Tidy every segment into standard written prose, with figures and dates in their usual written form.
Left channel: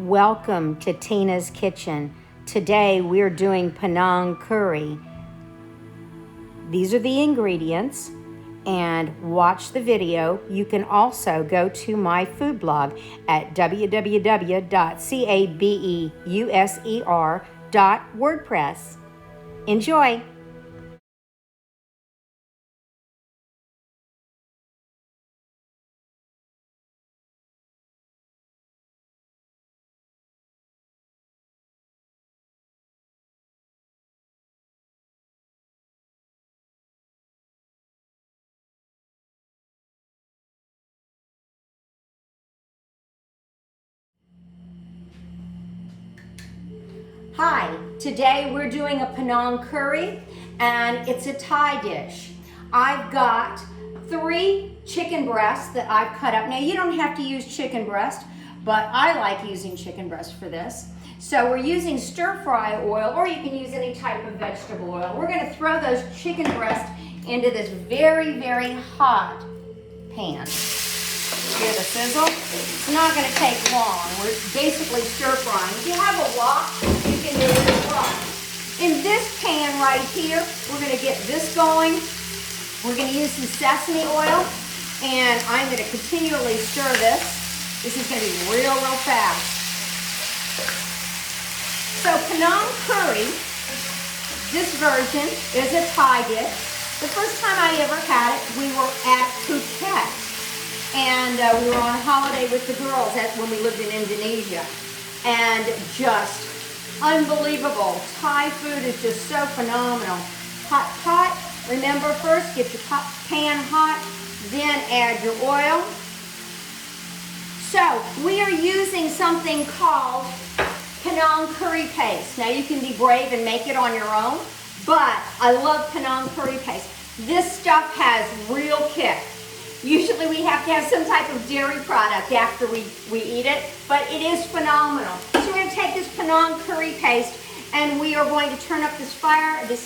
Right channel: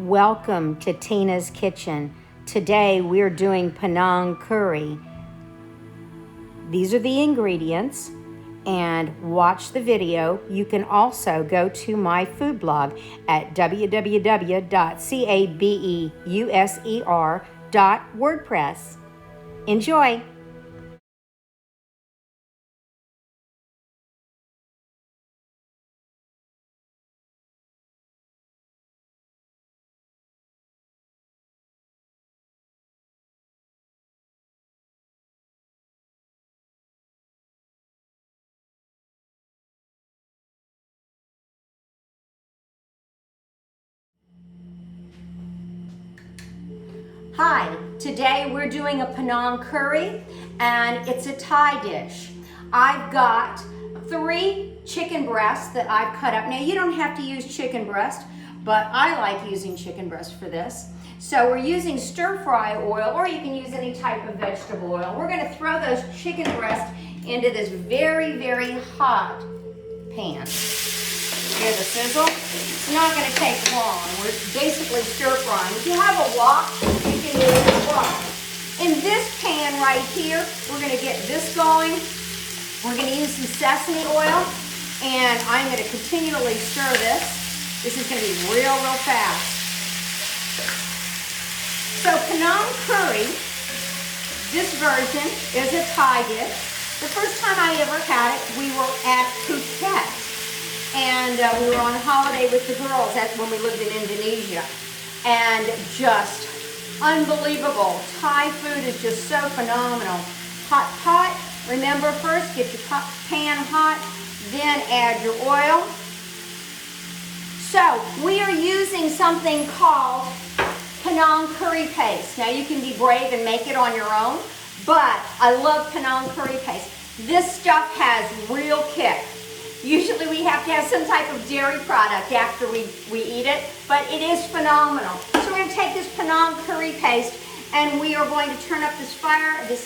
Welcome to Tina's Kitchen. Today we're doing Panang curry. These are the ingredients, and watch the video. You can also go to my food blog at www.cabeuser.wordpress. Enjoy! Hi, today we're doing a Panang curry, and it's a Thai dish. I've got 3 chicken breasts that I've cut up. Now you don't have to use chicken breast, but I like using chicken breast for this. So we're using stir fry oil, or you can use any type of vegetable oil. We're gonna throw those chicken breasts into this very, very hot pan. Hear the sizzle? It's not going to take long. We're basically stir frying. If you have a wok, you can use a fry. In this pan right here, we're going to get this going. We're going to use some sesame oil, and I'm going to continually stir this. This is going to be real, real fast. So Panang curry, this version is a Thai dish. The first time I ever had it, we were at Phuket. And we were on holiday with the girls when we lived in Indonesia. And just unbelievable. Thai food is just so phenomenal. Hot pot. Remember, first get your pan hot, then add your oil. So we are using something called Panang curry paste. Now you can be brave and make it on your own, but I love Panang curry paste. This stuff has real kick. Usually we have to have some type of dairy product after we eat it, but it is phenomenal. So we're going to take this Panang curry paste, and we are going to turn up this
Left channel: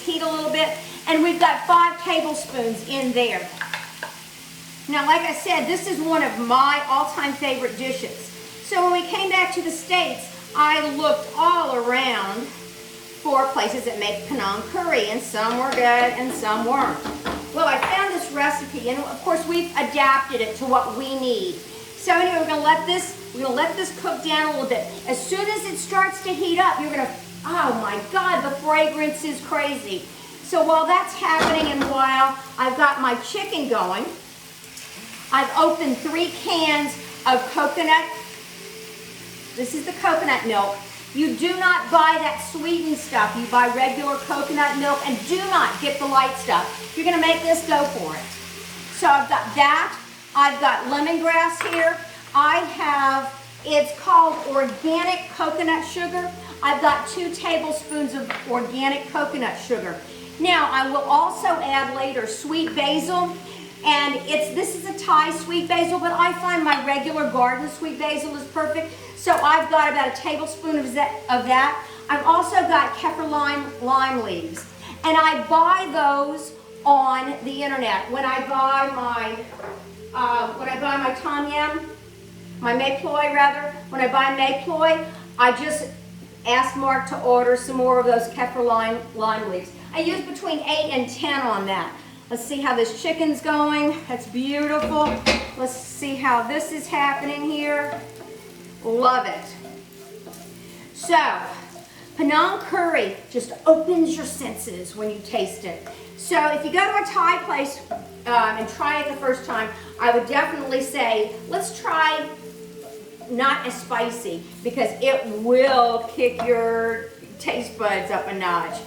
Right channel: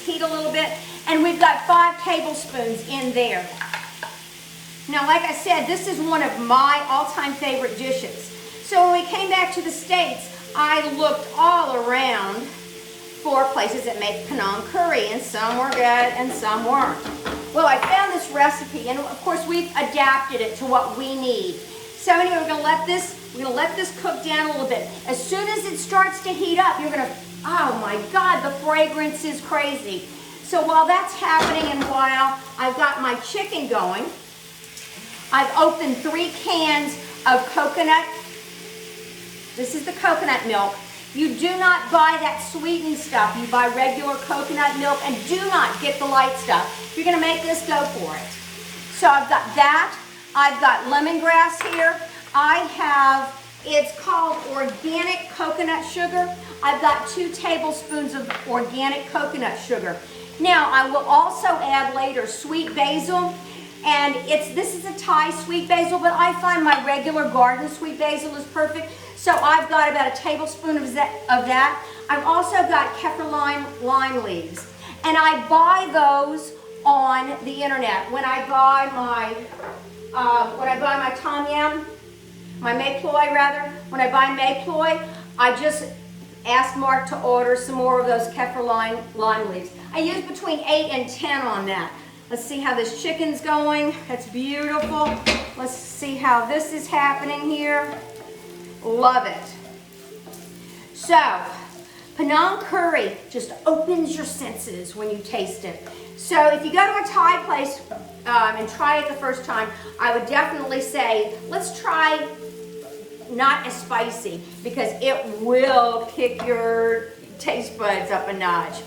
heat a little bit, and we've got 5 tablespoons in there. Now, like I said, this is one of my all-time favorite dishes. So when we came back to the States, I looked all around for places that make Panang curry, and some were good and some weren't. Well, I found this recipe, and of course we've adapted it to what we need. So anyway, we're gonna let this cook down a little bit. As soon as it starts to heat up, you're gonna, oh my God, the fragrance is crazy. So while that's happening and while I've got my chicken going, I've opened 3 cans of coconut. This is the coconut milk. You do not buy that sweetened stuff. You buy regular coconut milk, and do not get the light stuff. If you're gonna make this, go for it. So I've got that. I've got lemongrass here. It's called organic coconut sugar. I've got 2 tablespoons of organic coconut sugar. Now, I will also add later sweet basil. And this is a Thai sweet basil, but I find my regular garden sweet basil is perfect. So I've got about a tablespoon of that. I've also got kaffir lime leaves. And I buy those on the internet. When I buy my tom yum, my may ploy rather, when I buy may ploy, I just ask Mark to order some more of those kaffir lime leaves. I use between 8 and 10 on that. Let's see how this chicken's going. It's beautiful. Let's see how this is happening here. Love it. So, Panang curry just opens your senses when you taste it. So if you go to a Thai place and try it the first time, I would definitely say, let's try not as spicy, because it will kick your taste buds up a notch.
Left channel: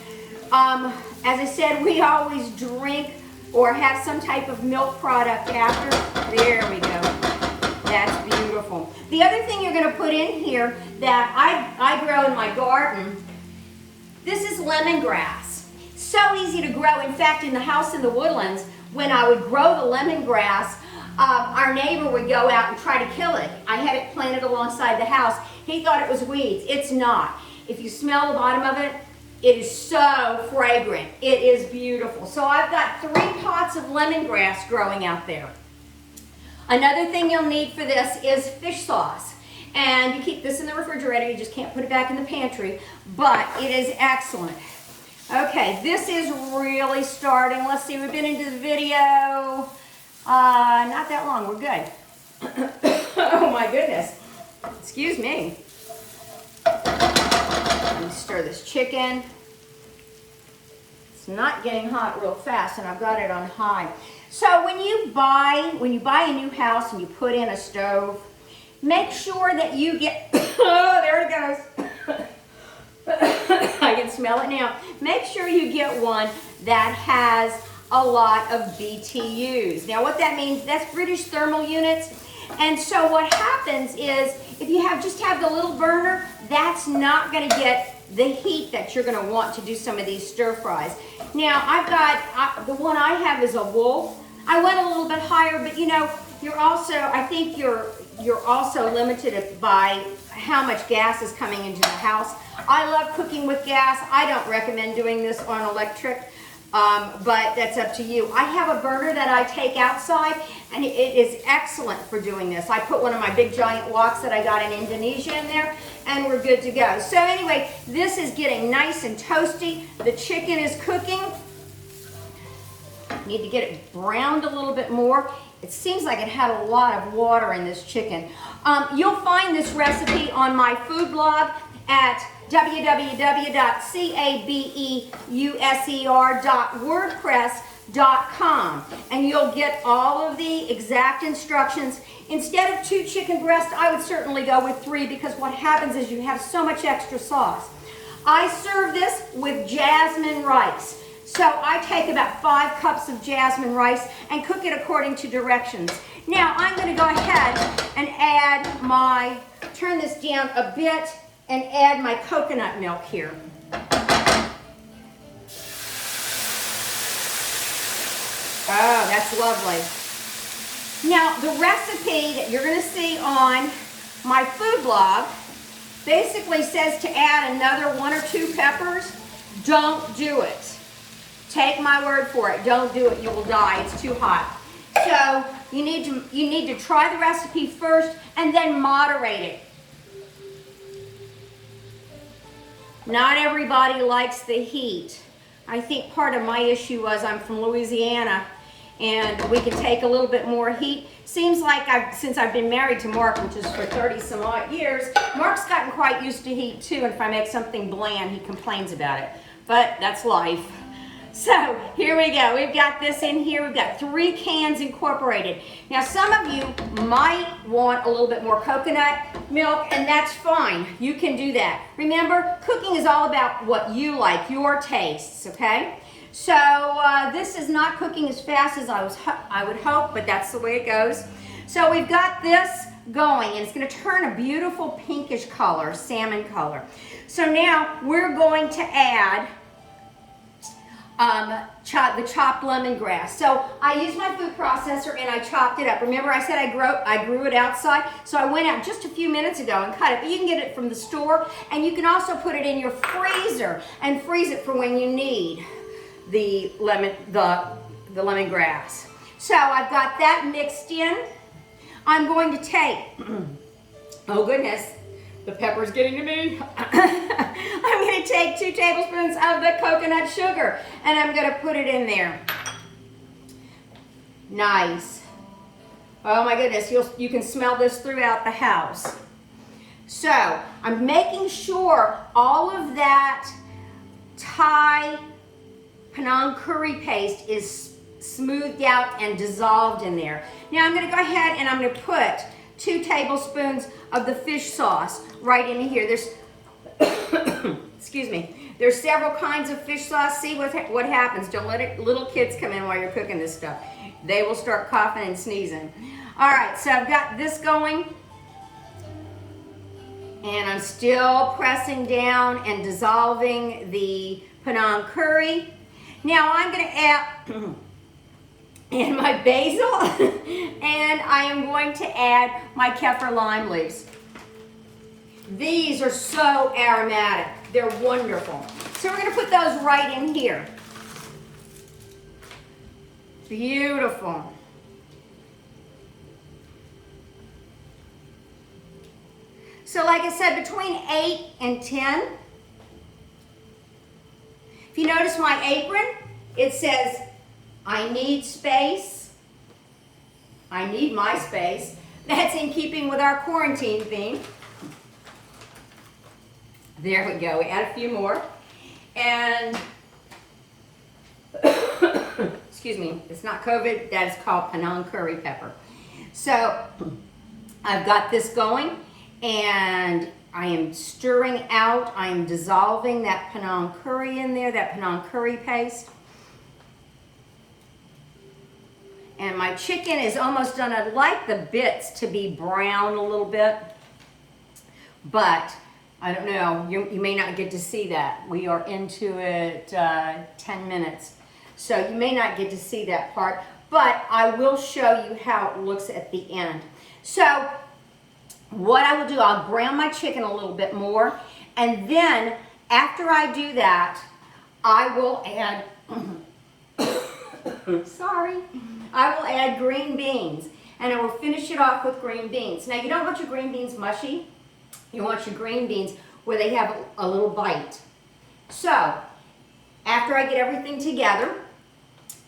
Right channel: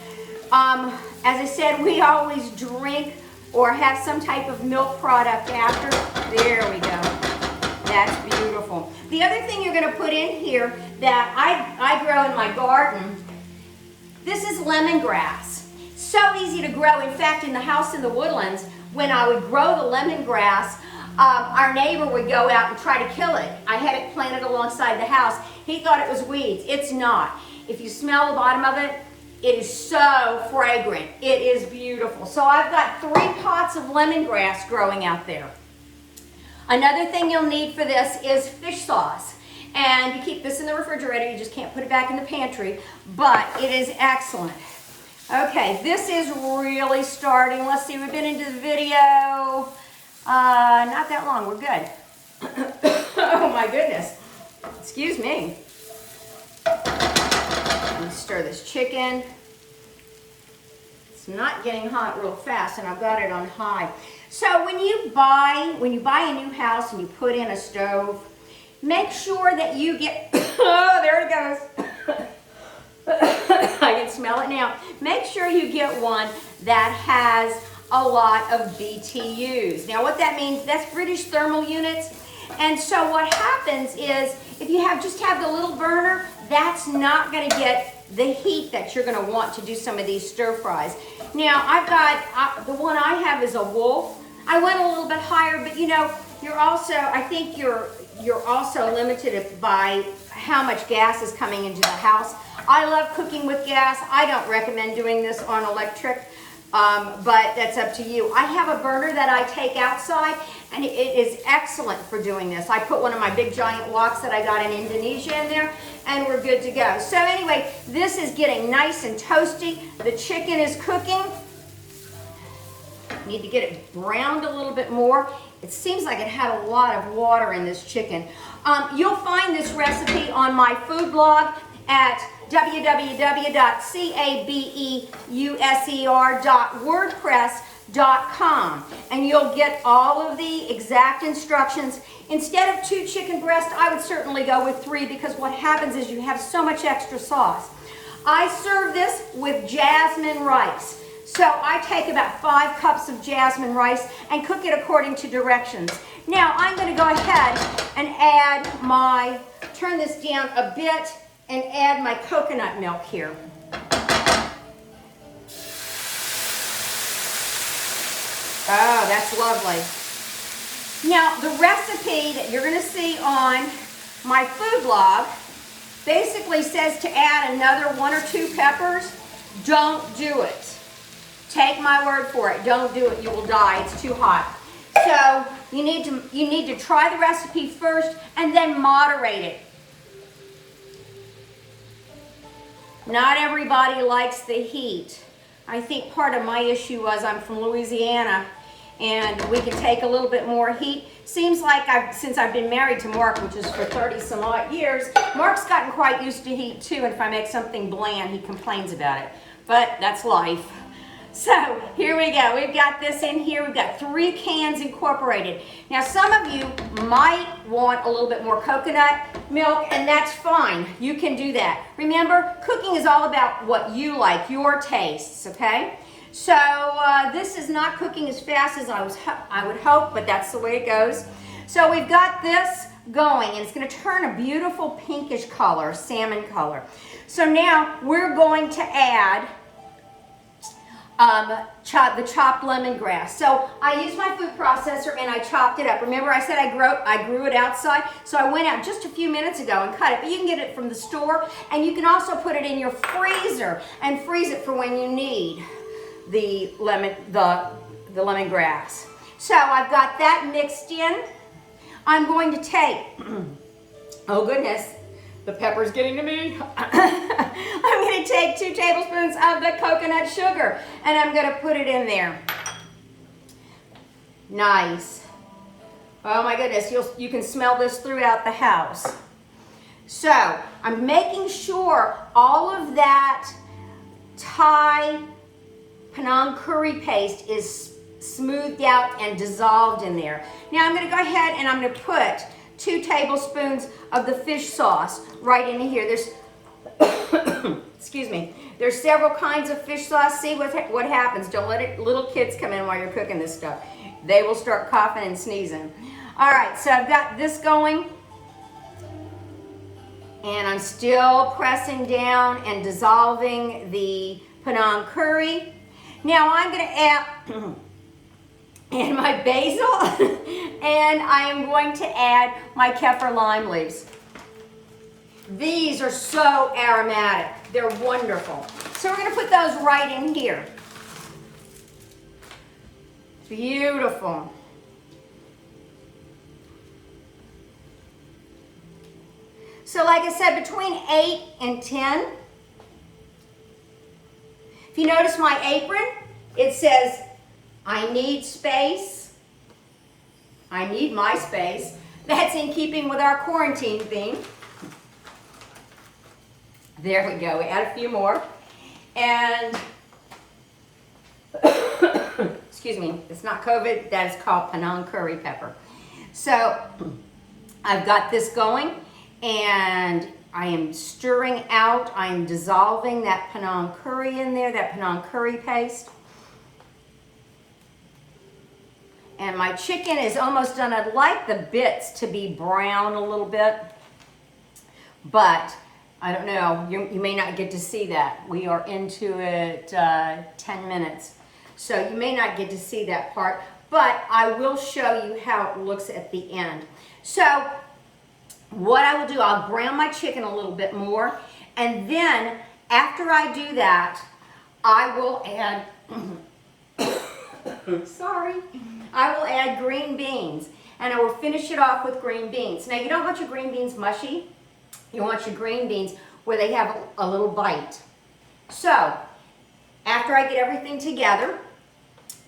As I said, we always drink or have some type of milk product after. There we go. That's beautiful. The other thing you're going to put in here that I grow in my garden, this is lemongrass. So easy to grow. In fact, in the house in the Woodlands, when I would grow the lemongrass, our neighbor would go out and try to kill it. I had it planted alongside the house. He thought it was weeds. It's not. If you smell the bottom of it, it is so fragrant. It is beautiful. So I've got 3 pots of lemongrass growing out there. Another thing you'll need for this is fish sauce. And you keep this in the refrigerator, you just can't put it back in the pantry, but it is excellent. Okay, this is really starting. Let's see, we've been into the video, not that long, we're good. Oh my goodness, excuse me. Let me stir this chicken. It's not getting hot real fast, and I've got it on high. So when you buy a new house and you put in a stove, make sure that you get, oh, there it goes. I can smell it now. Make sure you get one that has a lot of BTUs. Now what that means, that's British thermal units. And so what happens is, if you just have the little burner, that's not gonna get the heat that you're gonna want to do some of these stir fries. Now I've got, the one I have is a Wolf. I went a little bit higher, but you know, you're also, I think you're also limited by how much gas is coming into the house. I love cooking with gas. I don't recommend doing this on electric, but that's up to you. I have a burner that I take outside, and it is excellent for doing this. I put one of my big giant woks that I got in Indonesia in there, and we're good to go. So anyway, this is getting nice and toasty. The chicken is cooking. Need to get it browned a little bit more. It seems like it had a lot of water in this chicken. You'll find this recipe on my food blog at www.cabeuser.wordpress.com, and you'll get all of the exact instructions. Instead of 2 chicken breasts, I would certainly go with 3, because what happens is you have so much extra sauce. I serve this with jasmine rice. So I take about 5 cups of jasmine rice and cook it according to directions. Now I'm going to go ahead and add turn this down a bit and add my coconut milk here. Oh, that's lovely. Now the recipe that you're going to see on my food blog basically says to add another 1 or 2 peppers. Don't do it. Take my word for it. Don't do it. You will die. It's too hot. So you need to try the recipe first and then moderate it. Not everybody likes the heat. I think part of my issue was I'm from Louisiana, and we can take a little bit more heat. Seems like since I've been married to Mark, which is for 30 some odd years, Mark's gotten quite used to heat too, and if I make something bland, he complains about it. But that's life. So here we go. We've got this in here. We've got 3 cans incorporated. Now some of you might want a little bit more coconut milk, and that's fine. You can do that. Remember, cooking is all about what you like, your tastes, okay? So this is not cooking as fast as I would hope, but that's the way it goes. So we've got this going, and it's going to turn a beautiful pinkish color, salmon color. So now we're going to add the chopped lemongrass. So I used my food processor and I chopped it up. Remember I said I grew it outside? So I went out just a few minutes ago and cut it. But you can get it from the store, and you can also put it in your freezer and freeze it for when you need the lemongrass. So I've got that mixed in. I'm going to take, oh goodness, the pepper's getting to me. I'm going to take 2 tablespoons of the coconut sugar, and I'm going to put it in there. Nice. Oh my goodness, you can smell this throughout the house. So I'm making sure all of that Thai Panang curry paste is smoothed out and dissolved in there. Now I'm going to go ahead and I'm going to put 2 tablespoons of the fish sauce right in here. There's, excuse me, there's several kinds of fish sauce. See what happens. Don't let little kids come in while you're cooking this stuff. They will start coughing and sneezing. All right, so I've got this going, and I'm still pressing down and dissolving the Panang curry. Now I'm going to add and my basil, and I am going to add my kaffir lime leaves. These are so aromatic. They're wonderful. So we're going to put those right in here. Beautiful. So like I said, between 8 and 10. If you notice my apron, it says, I need space. I need my space. That's in keeping with our quarantine theme. There we go, we add a few more. And, excuse me, it's not COVID, that is called Panang curry pepper. So, I've got this going, and I am stirring out, I'm dissolving that Panang curry in there, that Panang curry paste. And my chicken is almost done. I'd like the bits to be brown a little bit, but I don't know, you may not get to see that. We are into it 10 minutes. So you may not get to see that part, but I will show you how it looks at the end. So what I will do, I'll brown my chicken a little bit more, and then after I do that, I will add, sorry, I will add green beans, and I will finish it off with green beans. Now you don't want your green beans mushy, you want your green beans where they have a little bite. So after I get everything together,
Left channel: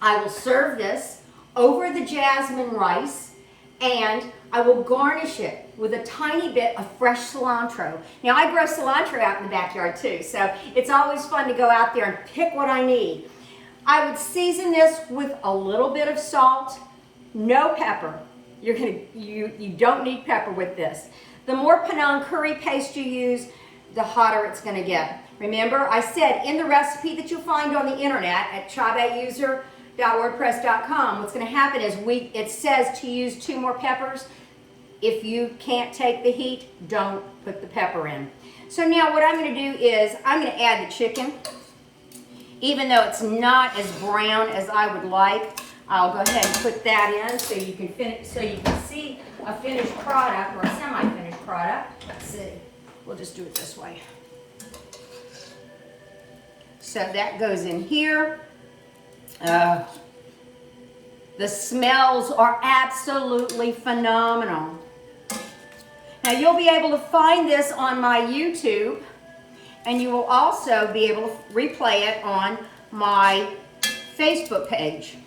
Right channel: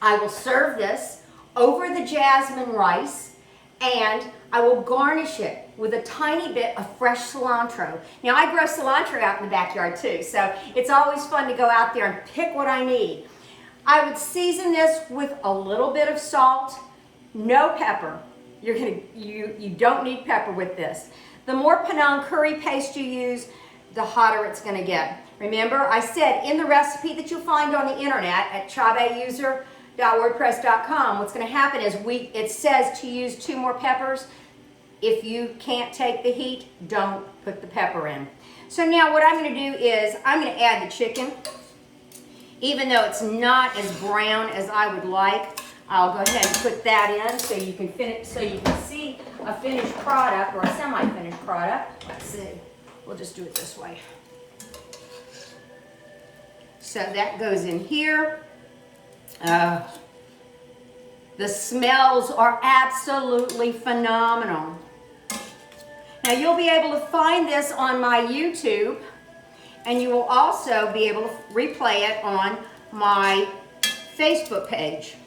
I will serve this over the jasmine rice, and I will garnish it with a tiny bit of fresh cilantro. Now I grow cilantro out in the backyard too, so it's always fun to go out there and pick what I need. I would season this with a little bit of salt, no pepper. You don't need pepper with this. The more Panang curry paste you use, the hotter it's gonna get. Remember, I said in the recipe that you'll find on the internet at chabeuser.wordpress.com, what's gonna happen is it says to use 2 more peppers. If you can't take the heat, don't put the pepper in. So now what I'm gonna do is I'm gonna add the chicken. Even though it's not as brown as I would like, I'll go ahead and put that in so you can see a finished product or a semi-finished product. Let's see. We'll just do it this way. So that goes in here. The smells are absolutely phenomenal. Now you'll be able to find this on my YouTube, and you will also be able to replay it on my Facebook page.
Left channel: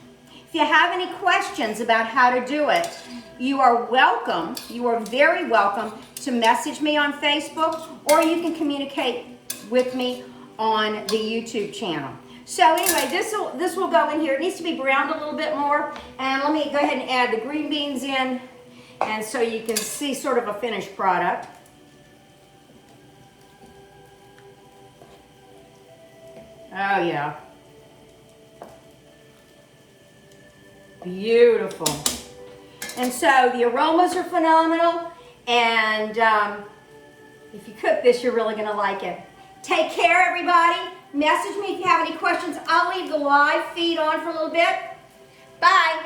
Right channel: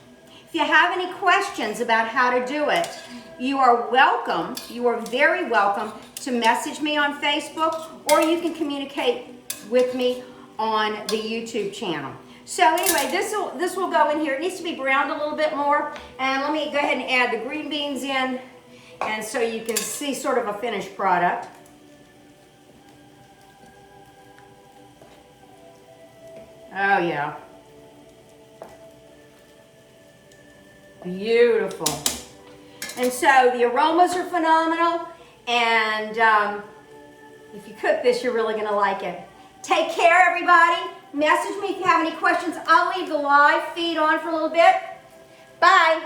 If you have any questions about how to do it, you are welcome, you are very welcome to message me on Facebook, or you can communicate with me on the YouTube channel. So anyway, this will go in here. It needs to be browned a little bit more, and let me go ahead and add the green beans in, and so you can see sort of a finished product. Oh yeah. Beautiful. And so the aromas are phenomenal, and if you cook this, you're really gonna like it. Take care, everybody. Message me if you have any questions. I'll leave the live feed on for a little bit. Bye.